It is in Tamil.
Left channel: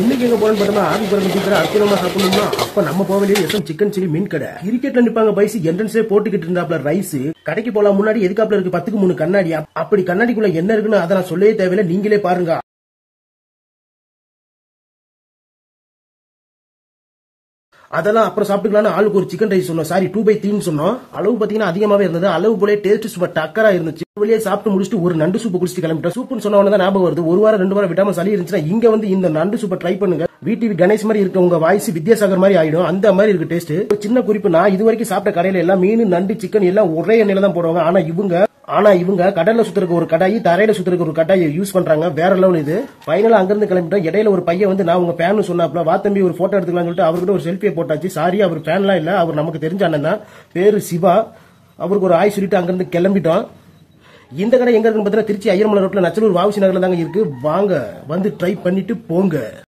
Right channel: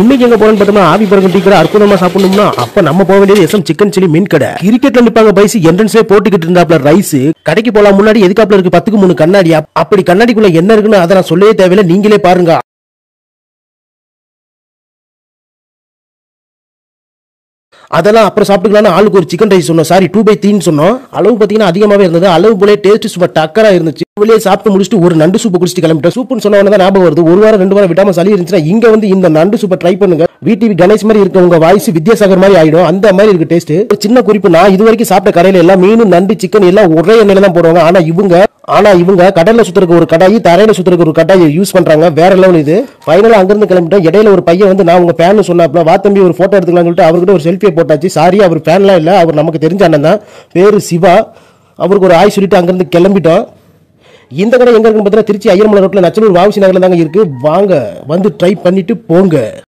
இன்னைக்கு எங்க போறோம்னு பார்த்தோம்னா ஆவி பறக்கும் டீ கடை அற்புதமா சாப்பிடணும்னா அப்ப நம்ம போக வேண்டியது எஸ்எம் சிக்கன் சில்லி மீன் கடை. கிரிக்கெட்ல நிப்பாங்க பைஸ் என்ட்ரன்ஸ்ல போட்டுக்கிட்டு இருந்தாப்ல ரைஸ். கடைக்கு போலாம் முன்னாடி எதுக்காப்ல இருக்கு 10க்கு 3 கண்ணாடி. அப்படி கண்ணாடிக்குள்ள என்ன இருக்குன்னு அதை நான் சொல்லவே தேவையில்லை, நீங்களே பாருங்க. அதெல்லாம் அப்புறம் சாப்பிட்டுக்கலாம். ஆளுக்கு ஒரு சிக்கன் ரைஸ் சொன்னோம், சாரி 2/3 சொன்னோம். அளவு பாத்தீங்கன்னா அதிகமாவே இருந்தது. அளவு போல டேஸ்ட் சூப்பர் டக்கரா இருந்துச்சு. வெளியே சாப்பிட்டு முடிச்சுட்டு ஒரு நண்டு சூப்பு குடிச்சிட்டு கிளம்பிட்டோம். சூப்புன்னு சொன்ன தான் ஞாபகம் வருது, ஒரு வாரம் 2 வாரம் விடாம சளி இருந்துச்சுன்னா இங்க வந்து இந்த நண்டு சூப்பை ட்ரை பண்ணுங்க. வீட்டு கணேஷ் மாதிரி இருக்க உங்க வாய்ஸ் வித்யாசாகர் மாதிரி ஆயிடும், அந்த மாதிரி இருக்கு டேஸ்ட். சின்ன குறிப்பு, நான் இது வரைக்கும் சாப்பிட்ட கடையில எல்லாம் மீன் நண்டு சிக்கன் எல்லாம் ஒரே எண்ணெயில தான் போடுவாங்க. ஆனா இவங்க கடல்ல சுத்துறதுக்கு ஒரு கடாயி, தரையில சுத்துறதுக்கு ஒரு கடாயை யூஸ் பண்றாங்க. வேற லெவல் இது. ஃபைனலா அங்கிருந்து கிளம்பிட்டோம். இடையில ஒரு பையன் வந்து நான் உங்க ஃபேன் சொன்னாப்ல, வா தம்பி ஒரு போட்டோ எடுத்துக்கலாம் சொல்லிட்டு அவர்கிட்ட ஒரு செல்ஃபியை போட்டாச்சு. சாரி அவர் ஃபேன்லாம் இல்ல, அவர் நமக்கு தெரிஞ்ச அண்ணன் தான், பேரு சிவா. அவருக்கு ஒரு ஆய் சொல்லிட்டு அங்கிருந்து கிளம்பிட்டோம். இந்த கடை எங்க இருக்குன்னு பார்த்தீங்கன்னா திருச்சி ஐயர்மலை ரோட்ல நச்சலூர் வாவுசி நகர்ல தாங்க இருக்கு. வாங்க வந்து ட்ரை பண்ணிட்டு போங்க.